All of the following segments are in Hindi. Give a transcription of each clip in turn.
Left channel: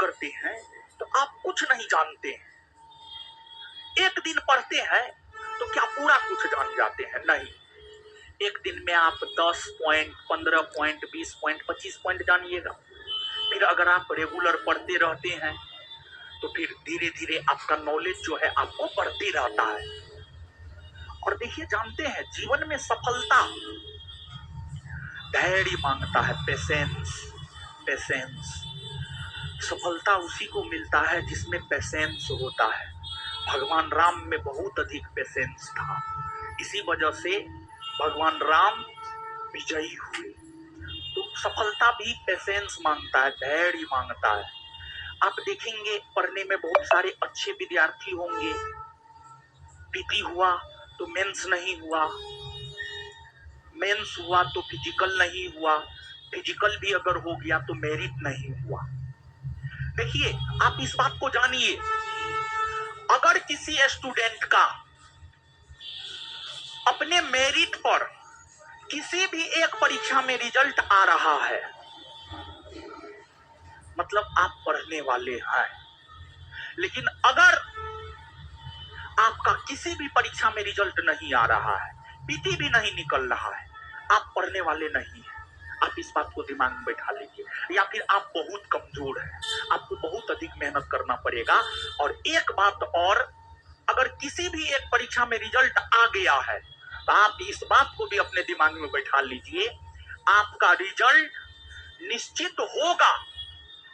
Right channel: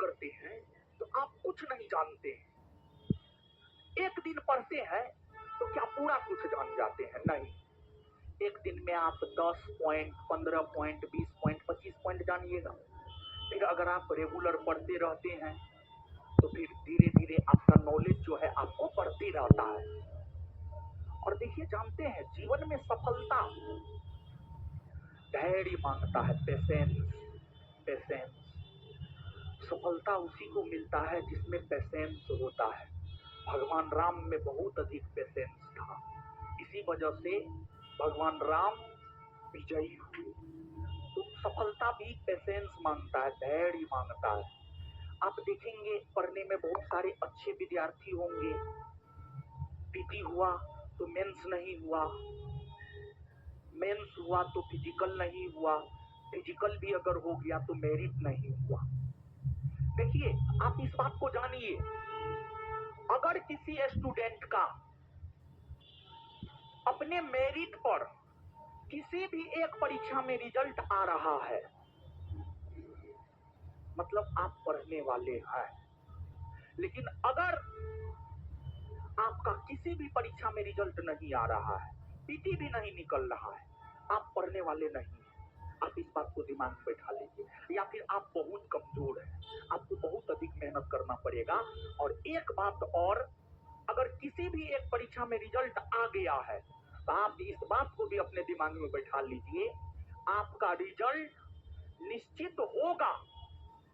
करते हैं तो आप कुछ नहीं जानते हैं। एक दिन पढ़ते हैं तो क्या पूरा कुछ जान जाते हैं? नहीं। एक दिन में आप 10 पॉइंट, 15 पॉइंट, 20 पॉइंट, 25 पॉइंट जानिएगा। फिर अगर आप रेगुलर पढ़ते रहते हैं तो फिर धीरे धीरे आपका नॉलेज जो है आपको बढ़ते रहता है। और देखिए, जानते हैं जीवन में सफलता धैर्य मांगता है, पेशेंस। पेशेंस, सफलता उसी को मिलता है जिसमें पेशेंस होता है। भगवान राम में बहुत अधिक पेशेंस था, इसी वजह से भगवान राम विजयी हुए। तो सफलता भी पेशेंस मांगता है, धैर्य मांगता है। आप देखेंगे पढ़ने में बहुत सारे अच्छे विद्यार्थी होंगे, पीटी हुआ तो मेंस नहीं हुआ, मेंस हुआ तो फिजिकल नहीं हुआ, फिजिकल भी अगर हो गया तो मेरिट नहीं हुआ। देखिए, आप इस बात को जानिए, अगर किसी स्टूडेंट का अपने मेरिट पर किसी भी एक परीक्षा में रिजल्ट आ रहा है, मतलब आप पढ़ने वाले हैं। लेकिन अगर आपका किसी भी परीक्षा में रिजल्ट नहीं आ रहा है, पीटी भी नहीं निकल रहा है, आप पढ़ने वाले नहीं हैं। आप इस बात को दिमाग में बैठा लीजिए। या फिर आप बहुत कमजोर हैं, आपको बहुत अधिक मेहनत करना पड़ेगा। और एक बात और, अगर किसी भी एक परीक्षा में रिजल्ट आ गया है तो आप इस बात को भी अपने दिमाग में बैठा लीजिए, आपका रिजल्ट निश्चित होगा,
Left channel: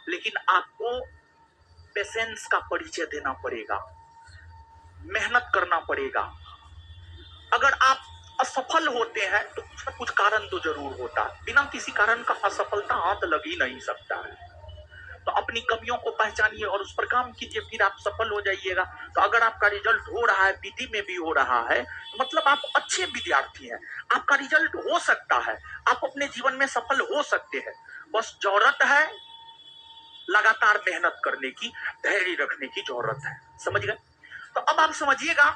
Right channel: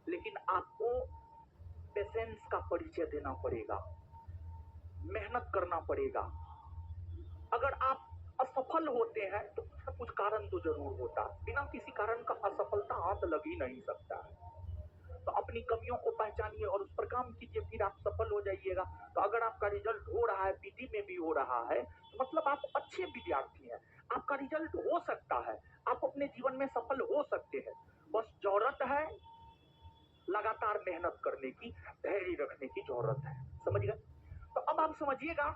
लेकिन आपको पेशेंस का परिचय देना पड़ेगा, मेहनत करना पड़ेगा। अगर आप असफल होते हैं तो कुछ न कुछ कारण तो जरूर होता है। बिना किसी कारण का असफलता हाथ लग ही नहीं सकता है। तो अपनी कमियों को पहचानिए और उस पर काम कीजिए, फिर आप सफल हो जाइएगा। तो अगर आपका रिजल्ट हो रहा है, पीटी में भी हो रहा है, तो मतलब आप अच्छे विद्यार्थी हैं, आपका रिजल्ट हो सकता है, आप अपने जीवन में सफल हो सकते हैं। बस जरूरत है लगातार मेहनत करने की, धैर्य रखने की जरूरत है। समझ गए? तो अब आप समझिएगा